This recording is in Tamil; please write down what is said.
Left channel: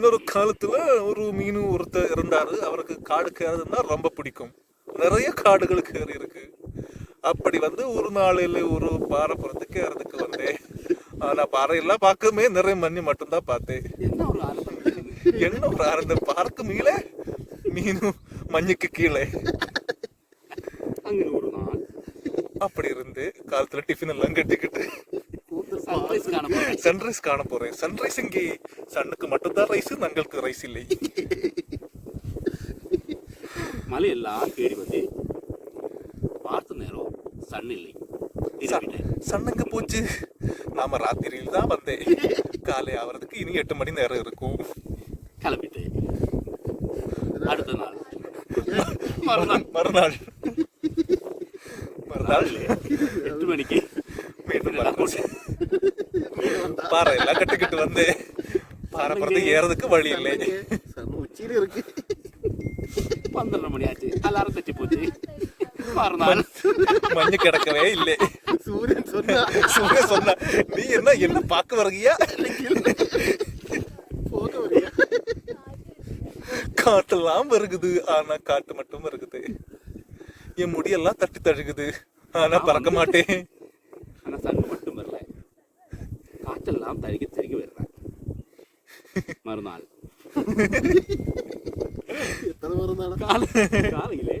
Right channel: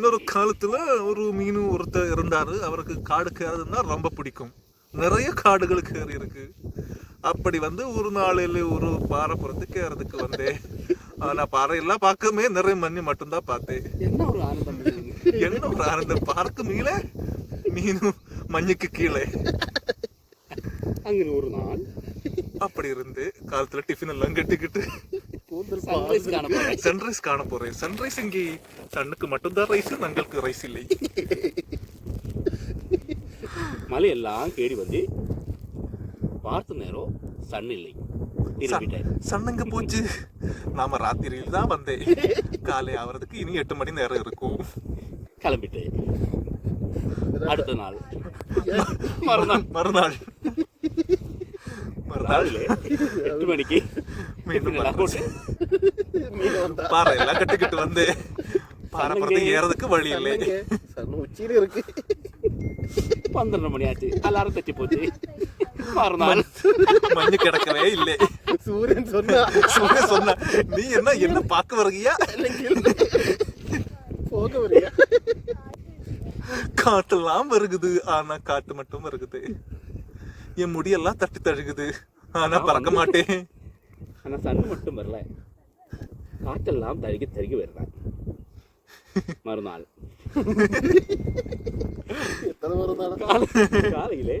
இன்னொரு காலத்துல ஒரு மீன் ஒருத்தர் இருந்தாரு. அவருக்கு காடு கேறதுன்னா ரொம்ப பிடிக்கும். நிறைய காடுகள் கேறி இருக்கு. அப்படி வந்து ஒரு நாளையில ஒரு பாறை புறத்துக்கு ஏறதுக்கு வந்தேன். ஆனா பாறையெல்லாம் பார்க்கவே நிறைய மண்ணி மட்டும்தான் பார்த்தேன். என்ன ஒரு ஆனந்தம்! பார்க்கு மேலே மீனும் மண்ணுக்கு கீழே. அங்க ஒரு நாள் அப்படி இருந்து காலத்துல டிஃபன் எல்லாம் கட்டிக்கிட்டு சன்ரைஸ் காண போறேன். சன்ரைஸ் இங்கே சன்னுக்கு மட்டும்தான் ரைஸ், நங்களுக்கு ரைஸ் இல்லை. மலையெல்லாம் கேடி வந்து பார்த்த நேரம் சன் இல்லை. சன்னங்க போச்சு. நாம ராத்திரியில் தான் வந்தேன். காலை ஆவறதுக்கு இனி 8 மணி நேரம் இருக்கும். கிளம்பிட்டு அடுத்த நாள் மறுநாள் 8 மணிக்கு பாறை எல்லாம் கட்டிக்கிட்டு வந்து பாறை பறந்து ஏறதுக்கு வழி இல்லை. 12 மணி ஆச்சு. எல்லாரும் தச்சு போச்சு. மறுநாள் மண்ணு கிடக்கவே இல்லை. சூரியன் சொன்ன நீ என்ன பார்க்க வருகியா? காட்டெல்லாம் வருகுது, ஆனா காட்டு மட்டும் வருகுது. என் முடியெல்லாம் தட்டி தழுகுது, ஆனா பறக்க மாட்டேன். ஆனா சன் மட்டும் வரல, காற்றெல்லாம் தருகி தருகி வருறாங்க. மறுநாள் காலையிலே